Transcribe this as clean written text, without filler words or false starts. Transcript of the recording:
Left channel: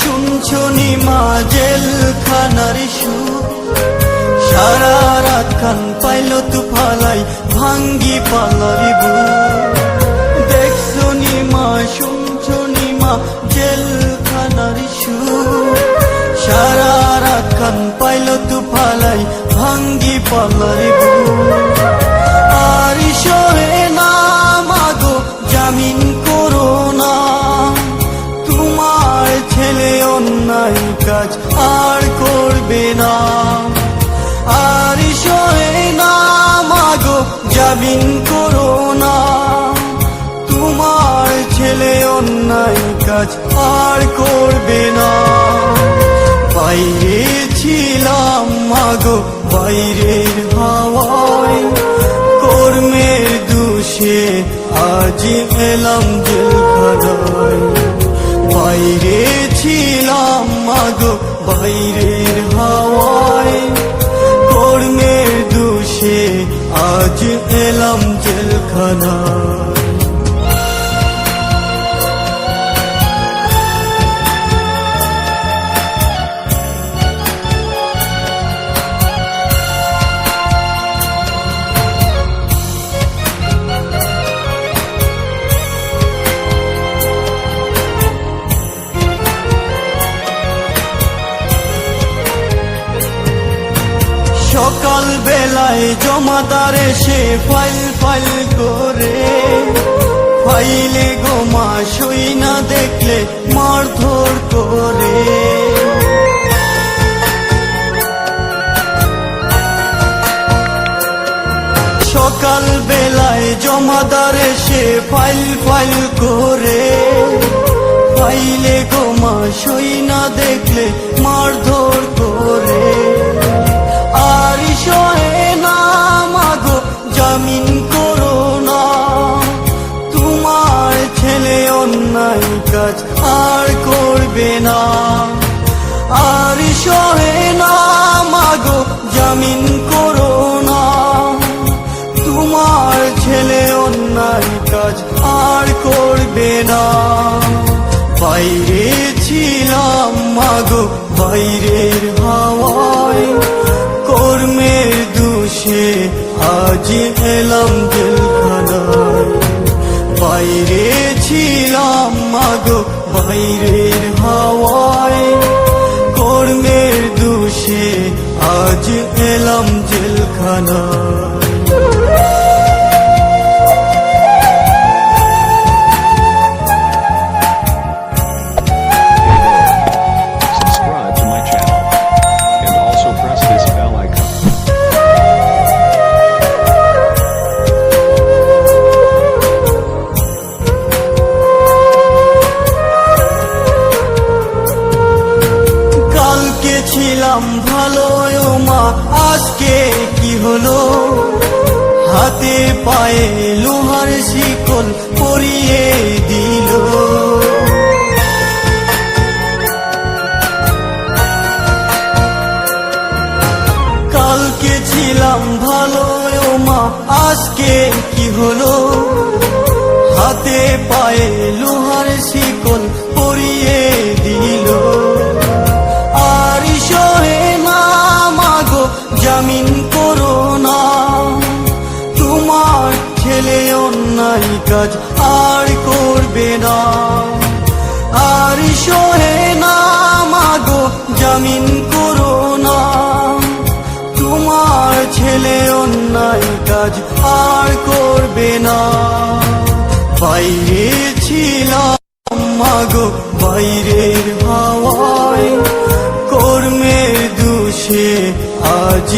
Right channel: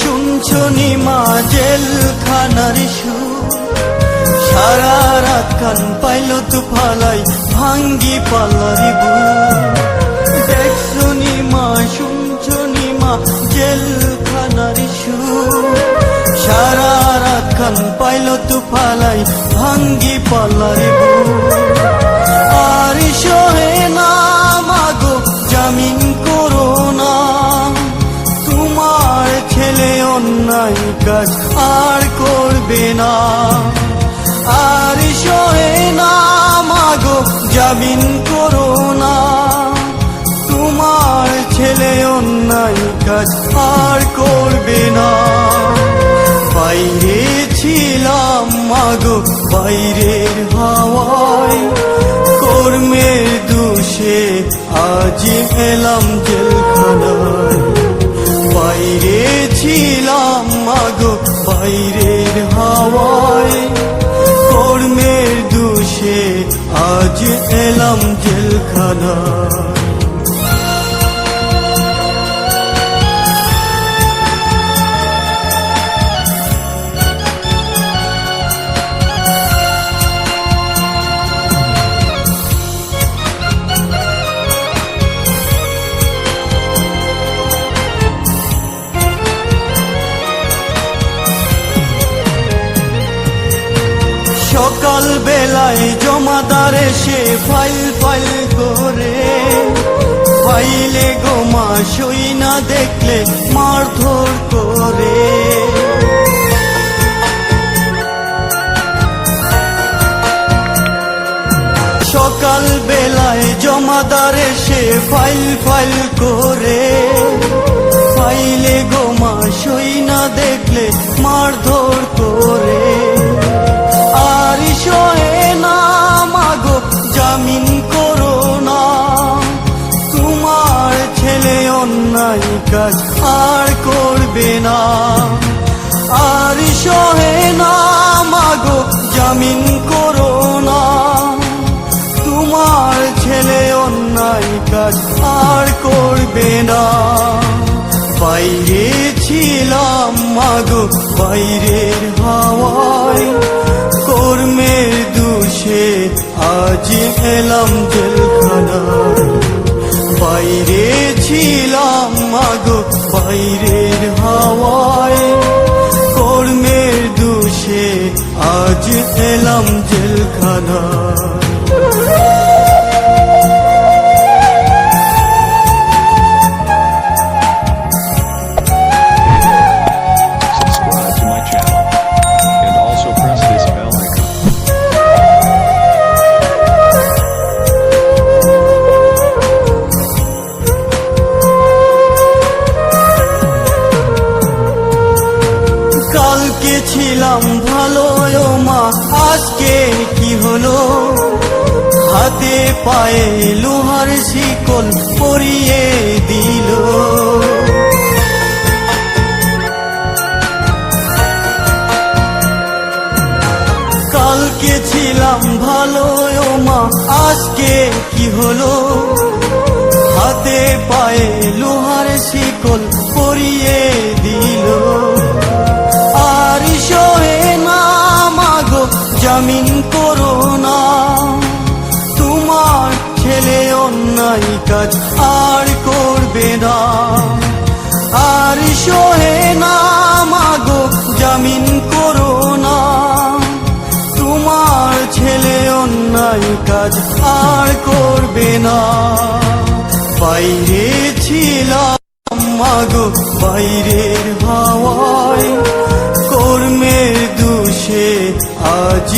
শুনছো নিমা জেলখানার সুর, সারা রাত কান পাইল তু ফালাই ভাঙ্গি পাল্লারি বুক। দেখছো নিমা শুনছো নিমা জেলখানার সুর, সারা রাত কান পাইল তু ফালাই ভাঙ্গি পাল্লারি বুক। আর সরে না মাগো জামিন করো না, তোমার ছেলে অন্যায় কাজ আর করবে না। আর সরে না মাগো জামিন করো না, তোমার ছেলে অন্যায় কাজ আর করবে না। বাইরে ছিলাম মাগো বাইরের হাওয়ায়, কর্মের দোষে আজ পেলাম জেলখানায়। বাইরে ছিলাম মাগো বাইরের হাওয়ায়, কর্মের দোষে আজ পেলাম জেলখানায়। সকাল বেলায় জমাদার এসে ফাইল ফাইল করে, ফাইলে গোমা সই না দেখলে মারধর করে। সকাল বেলায় জমাদার এসে ফাইল ফাইল করে, ফাইলে গোমা সই না দেখলে মারধর করে। আর সরে না মাগো জামিন করো না, তোমার ছেলে অন্যায় কাজ আর করবে না। আর সরে না মাগো জামিন করো না, তোমার ছেলে অন্যায় কাজ আর করবে না। বাইরে ছিলাম মাগো বাইরের হাওয়ায়, কর্মের দোষে আজ পেলাম জেলখানায়। বাইরে ছিলাম মাগো বাইরের হাওয়ায়, কর্মের দোষে আজ পেলাম জেলখানায়। Subscribe to my channel and also press this bell icon. কালকে ছিলাম ভালো ও মা, আজকে কি হলো? হাতে পায়ে লোহার শিকল পরিয়ে দিল। কালকে ছিলাম ভালো ও মা, আজকে কি হলো? হাতে পায়ে লোহার শিকল পরিয়ে দিল। আর সরে না মাগো জামিন করো না, তোমার ছেলে অন্যায় কাজ আর করবে না। আর সরে না মাগো জামিন করো না, তোমার ছেলে অন্যায় কাজ আর করবে না। বাইরে ছিলাম মাগো বাইরের হাওয়ায়, কর্মের দোষে আজ